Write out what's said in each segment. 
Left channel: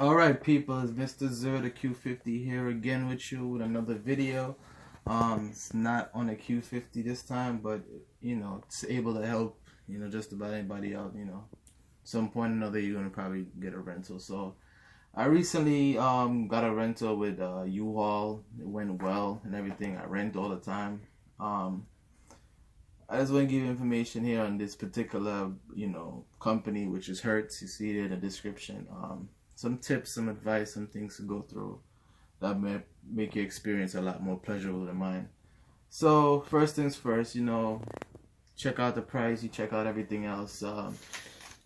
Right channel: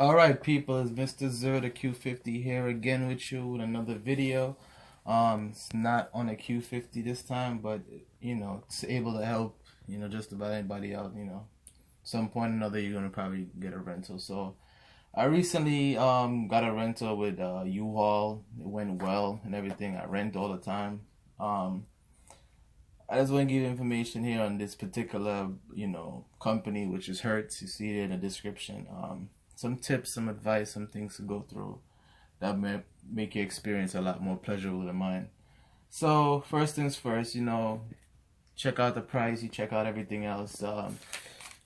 Alright people, it's Mr. Zero the Q50 here again with you with another video. It's not on the Q50 this time, but it's able to help, just about anybody out, some point or another you're gonna probably get a rental. So I recently got a rental with U-Haul. It went well and everything. I rent all the time. Um I just want to give you information here on this particular, company, which is Hertz. You see it in the description. Some tips, some advice, some things to go through that may make your experience a lot more pleasurable than mine. So first things first, check out the price. You check out everything else.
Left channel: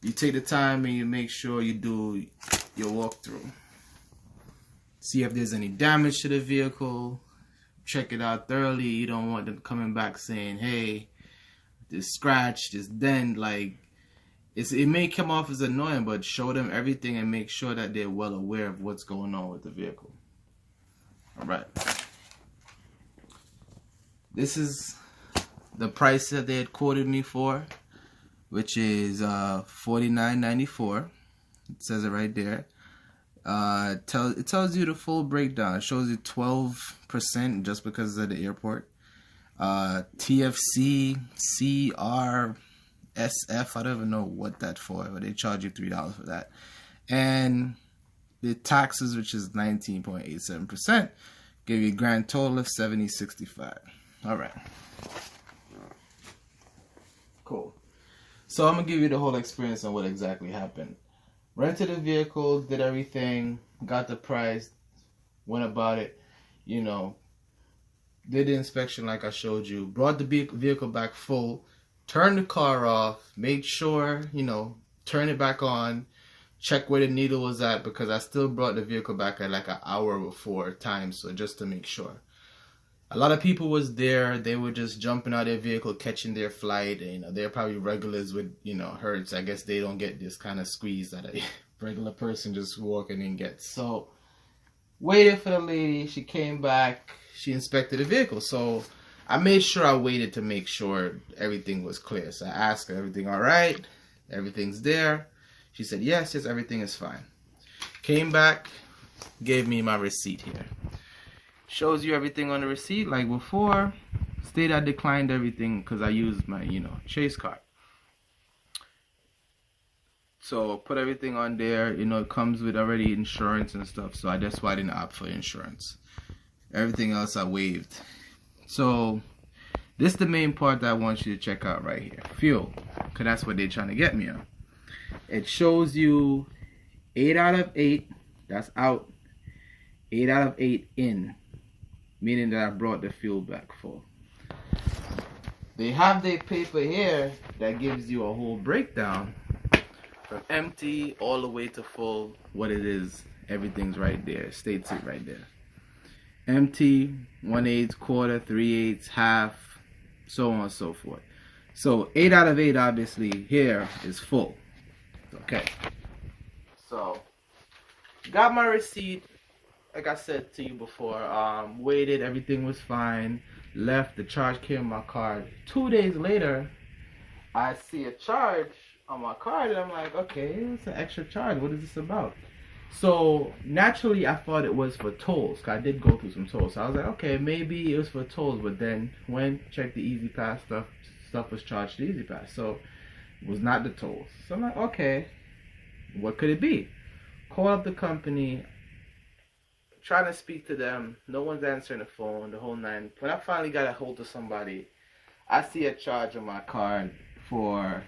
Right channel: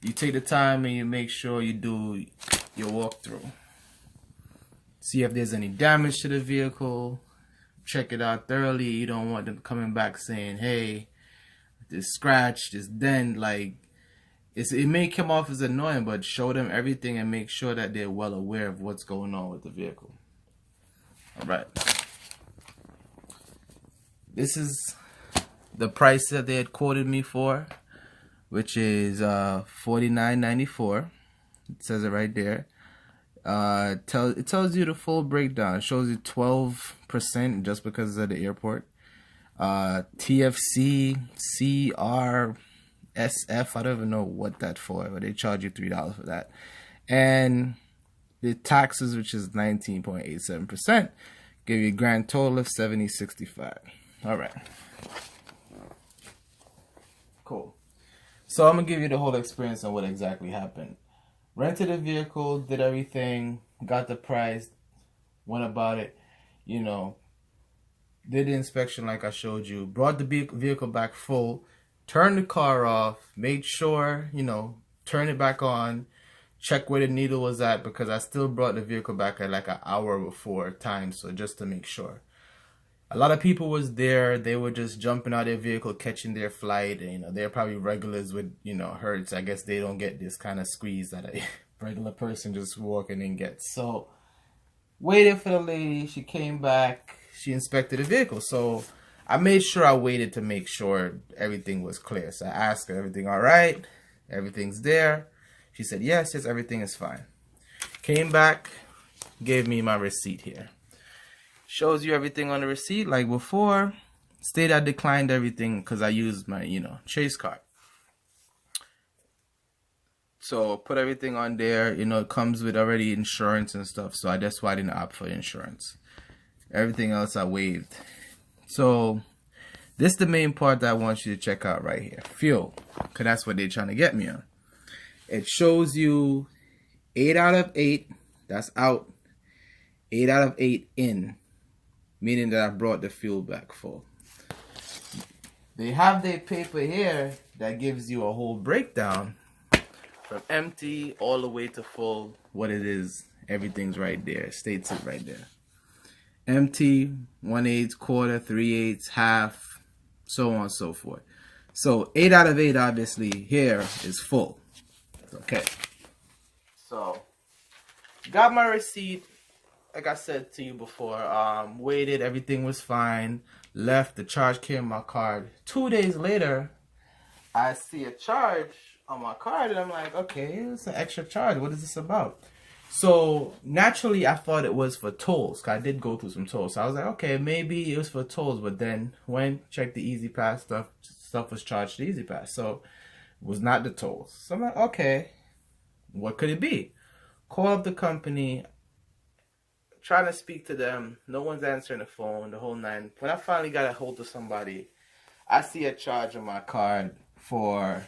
You take the time and you make sure you do your walkthrough. See if there's any damage to the vehicle. Check it out thoroughly. You don't want them coming back saying, "Hey, this scratch, this dent," like it may come off as annoying, but show them everything and make sure that they're well aware of what's going on with the vehicle. All right. This is the price that they had quoted me for, which is $49.94. It says it right there. It tells you the full breakdown. It shows you 12% just because of the airport. TFC, CRSF, I don't even know what that's for, but they charge you $3 for that. And the taxes, which is 19.87%, give you a grand total of $70.65. All right. Cool. So I'm going to give you the whole experience on what exactly happened. Rented a vehicle, did everything, got the price, went about it, did the inspection like I showed you, brought the vehicle back full, turned the car off, made sure, turn it back on, check where the needle was at, because I still brought the vehicle back at like an hour before time, so just to make sure. A lot of people was there. They were just jumping out of their vehicle, catching their flight. And, they're probably regulars with, Hertz. I guess they don't get this kind of squeeze that a regular person just walking in gets. So, waited for the lady. She came back. She inspected the vehicle. So, I made sure I waited to make sure everything was clear. So, I asked her, everything all right? Everything's there? She said, yes, everything is fine. Came back, gave me my receipt here. Shows you everything on the receipt like before. State I declined everything because I used my, Chase card. So put everything on there. It comes with already insurance and stuff. So that's why I didn't opt for insurance. Everything else I waived. So this is the main part that I want you to check out right here. Fuel. Because that's what they're trying to get me on. It shows you 8 out of 8. That's out. 8 out of 8 in. Meaning that I brought the fuel back full. They have their paper here that gives you a whole breakdown from empty all the way to full. What it is, everything's right there. States it right there. Empty, 1/8, quarter, 3/8, half, so on and so forth. So 8 out of 8 obviously here is full. Okay. So got my receipt. Like I said to you before, waited, everything was fine, left, the charge came on my card. 2 days later, I see a charge on my card, and I'm like, okay, it's an extra charge. What is this about? So, naturally, I thought it was for tolls, because I did go through some tolls. So I was like, okay, maybe it was for tolls, but then when checked the Easy Pass stuff was charged to Easy Pass. So, it was not the tolls. So I'm like, okay, what could it be? Call up the company, trying to speak to them, no one's answering the phone, the whole nine. When I finally got a hold of somebody, I see a charge on my card for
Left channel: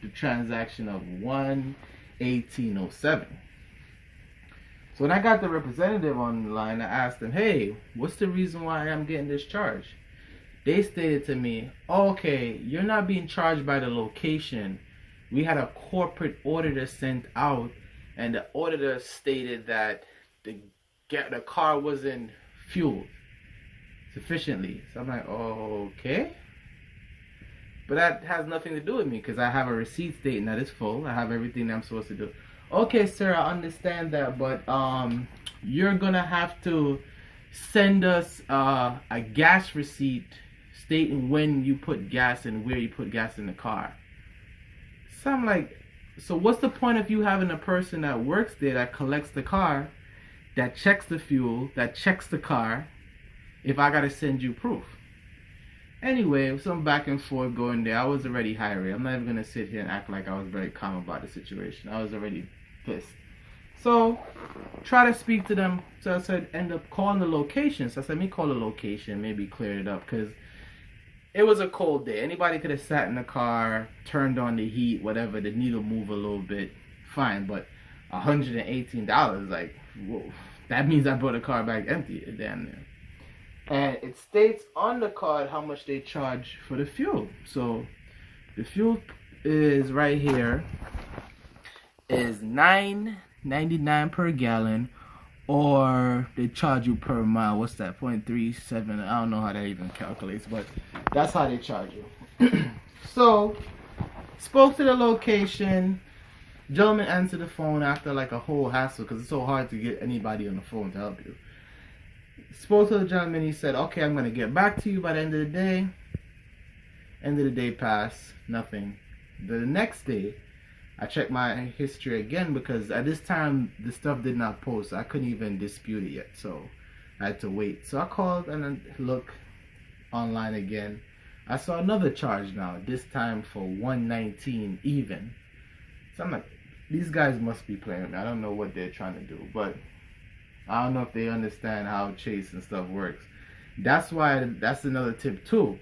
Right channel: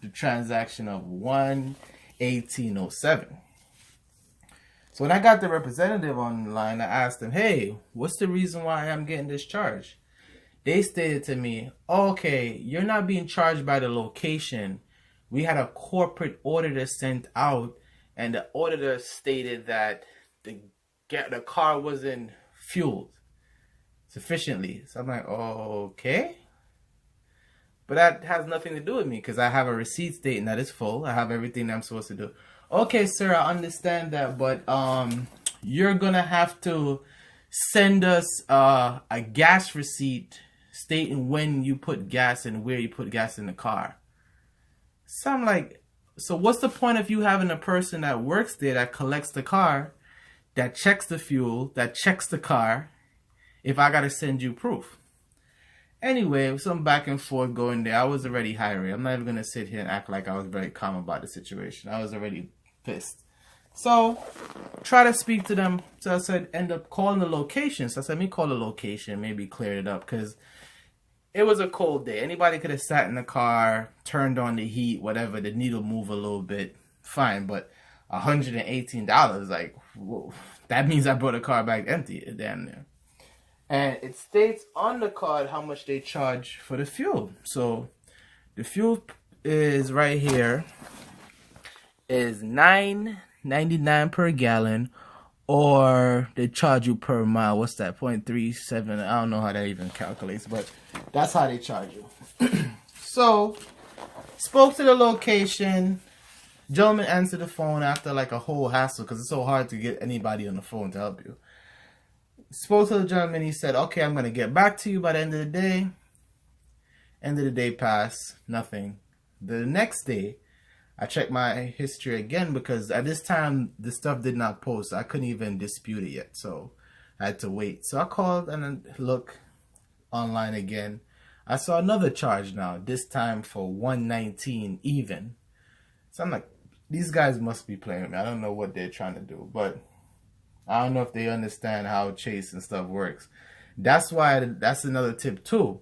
the transaction of $118.07. So when I got the representative on the line, I asked them, hey, what's the reason why I'm getting this charge? They stated to me, okay, you're not being charged by the location. We had a corporate auditor sent out, and the auditor stated that the car wasn't fueled sufficiently. So I'm like, okay. But that has nothing to do with me because I have a receipt stating that it's full. I have everything that I'm supposed to do. Okay, sir, I understand that, but you're gonna have to send us a gas receipt stating when you put gas and where you put gas in the car. So I'm like, So what's the point of you having a person that works there that collects the car, that checks the fuel, that checks the car, if I gotta send you proof? Anyway, some back and forth going there. I was already irate. I'm not even gonna sit here and act like I was very calm about the situation. I was already pissed. So, try to speak to them. So I said, end up calling the location. So I said, let me call the location, maybe clear it up, because it was a cold day. Anybody could have sat in the car, turned on the heat, whatever, the needle move a little bit, fine. But $118, like, whoa, that means I brought the car back empty, damn near. And it states on the card how much they charge for the fuel. So the fuel is right here, is $9.99 per gallon, or they charge you per mile. What's that? 0.37. I don't know how that even calculates, but that's how they charge you. So spoke to the location. Gentleman answered the phone after like a whole hassle because it's so hard to get anybody on the phone to help you. Spoke to the gentleman. He said, okay, I'm going to get back to you by the end of the day. End of the day passed. Nothing. The next day, I checked my history again because at this time, the stuff did not post. I couldn't even dispute it yet. So I had to wait. So I called and then look online again. I saw another charge now. This time for $119 even. So I'm like, these guys must be playing with me. I don't know what they're trying to do. But I don't know if they understand how Chase and stuff works. That's why, that's another tip too.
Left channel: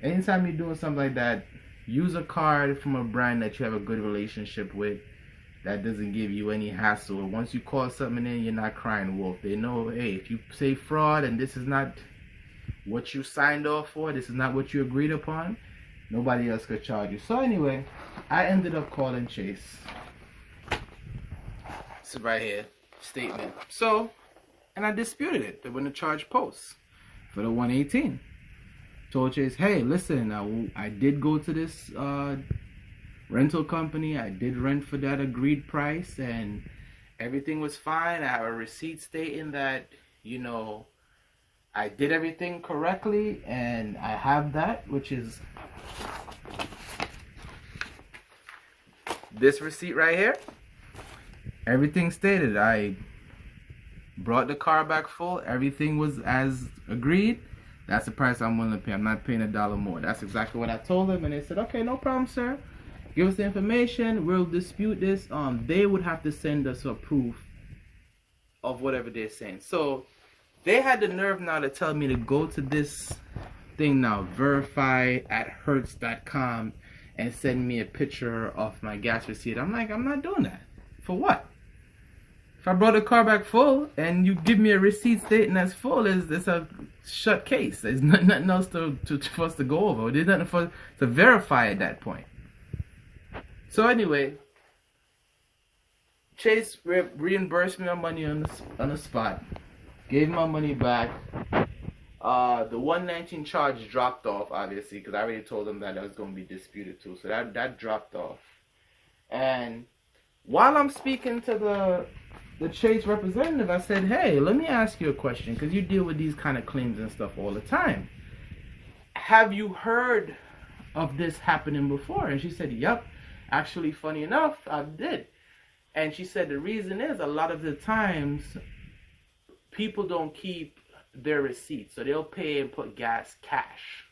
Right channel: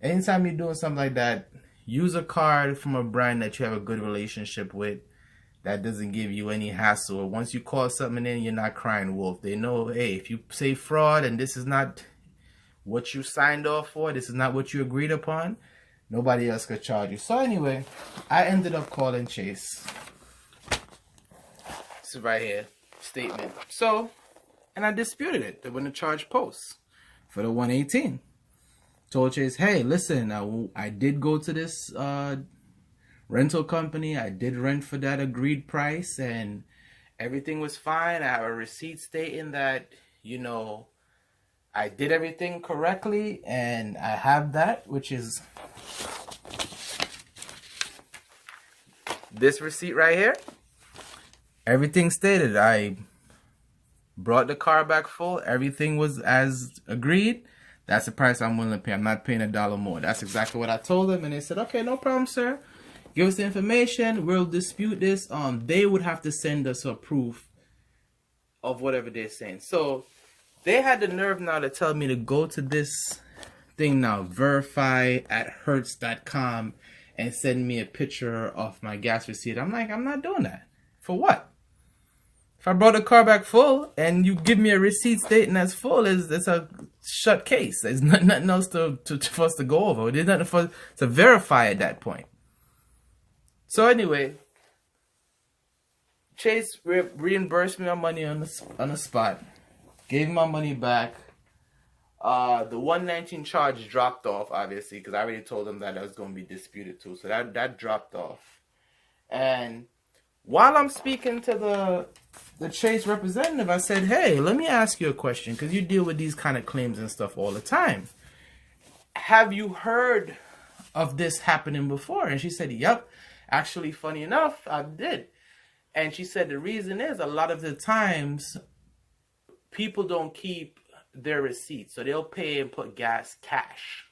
Anytime you're doing something like that, use a card from a brand that you have a good relationship with, that doesn't give you any hassle. Once you call something in, you're not crying wolf. They know, hey, if you say fraud and this is not what you signed off for, this is not what you agreed upon, nobody else could charge you. So anyway, I ended up calling Chase. This is right here. Statement. So, and I disputed it when the charge posts for the 118. Told Chase, hey, listen, I did go to this rental company. I did rent for that agreed price, and everything was fine. I have a receipt stating that, you know, I did everything correctly, and I have that, which is this receipt right here. Everything stated. I brought the car back full. Everything was as agreed. That's the price I'm willing to pay. I'm not paying $1 more. That's exactly what I told them. And they said, okay, no problem, sir. Give us the information. We'll dispute this. They would have to send us a proof of whatever they're saying. So they had the nerve now to tell me to go to this thing now, verify at Hertz.com, and send me a picture of my gas receipt. I'm like, I'm not doing that. For what? If I brought the car back full and you give me a receipt stating that's full, it's a shut case. There's nothing else for us to go over. There's nothing for us to verify at that point. So anyway, Chase reimbursed me my money on the spot. Gave my money back. The 119 charge dropped off, obviously, because I already told them that was going to be disputed too. So that dropped off. And while I'm speaking to the Chase representative, I said, hey, let me ask you a question, because you deal with these kind of claims and stuff all the time. Have you heard of this happening before? And she said, yep. Actually, funny enough, I did. And she said the reason is a lot of the times people don't keep their receipts. So they'll pay and put gas cash.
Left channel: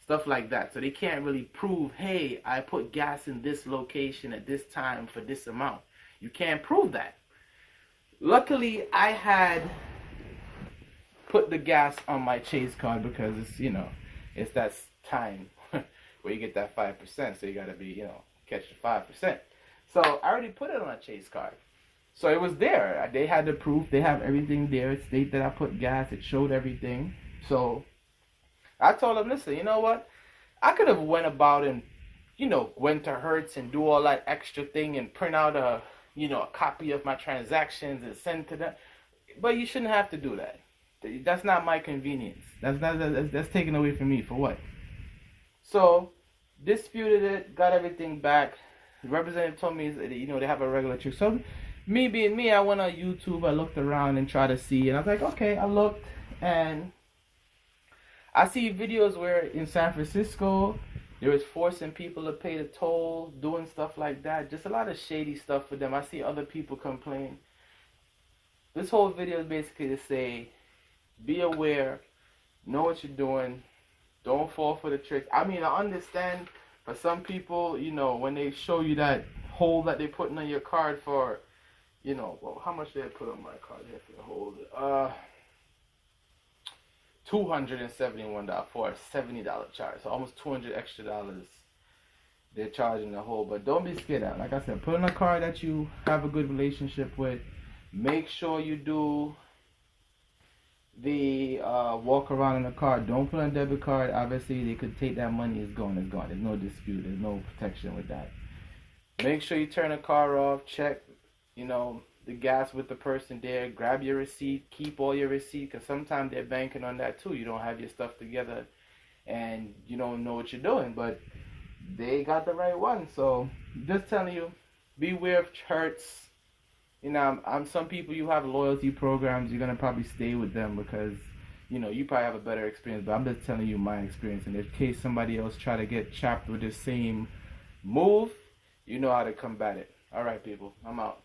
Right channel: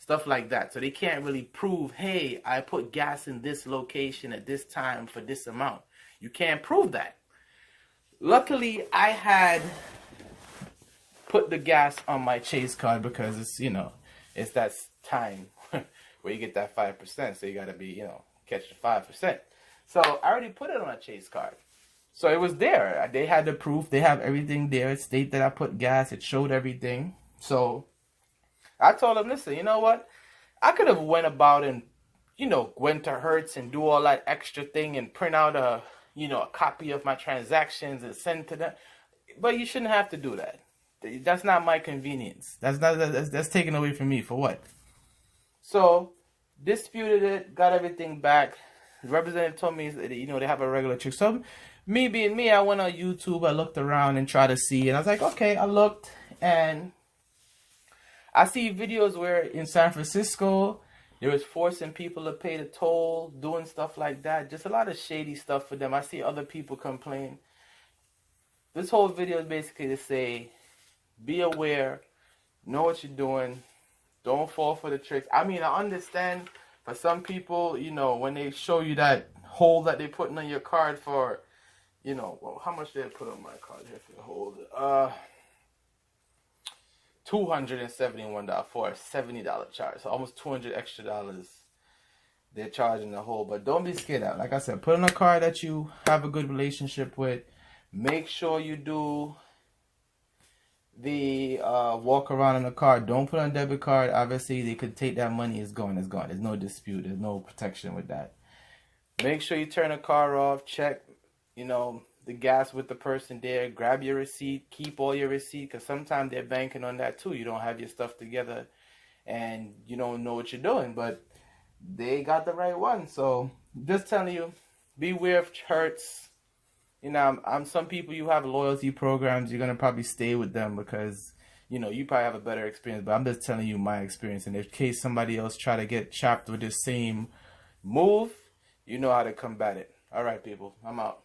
Stuff like that. So they can't really prove, hey, I put gas in this location at this time for this amount. You can't prove that. Luckily, I had put the gas on my Chase card because it's, you know, it's that time where you get that 5%. So you got to be, you know, catch the 5%. So I already put it on a Chase card. So it was there. They had the proof. They have everything there. It stated that I put gas. It showed everything. So I told them, listen, you know what? I could have went about and, you know, went to Hertz and do all that extra thing and print out a, you know, a copy of my transactions and send to them. But you shouldn't have to do that. That's not my convenience. That's taken away from me. For what? So disputed it, got everything back. The representative told me, you know, they have a regular check. So me being me, I went on YouTube. I looked around and tried to see, and I was like, okay. I looked and I see videos where in San Francisco They was forcing people to pay the toll, doing stuff like that. Just a lot of shady stuff for them. I see other people complain. This whole video is basically to say, be aware, know what you're doing, don't fall for the tricks. I mean, I understand for some people, you know, when they show you that hole that they're putting on your card for, you know, well, how much did I put on my card here for the hold? $271 for a $70 charge. So almost $200 extra they're charging the whole. But don't be scared out. Like I said, put on a card that you have a good relationship with. Make sure you do the walk around in the card. Don't put on a debit card. Obviously, they could take that money. It's gone. It's gone. There's no dispute. There's no protection with that. Make sure you turn the car off. Check, you know, the gas with the person there. Grab your receipt. Keep all your receipt, because sometimes they're banking on that too. You don't have your stuff together and you don't know what you're doing, but they got the right one. So just telling you, beware of Hertz. You know, some people, you have loyalty programs, you're gonna probably stay with them because, you know, you probably have a better experience. But I'm just telling you my experience, and in case somebody else try to get trapped with this same move, you know how to combat it. All right, people, I'm out.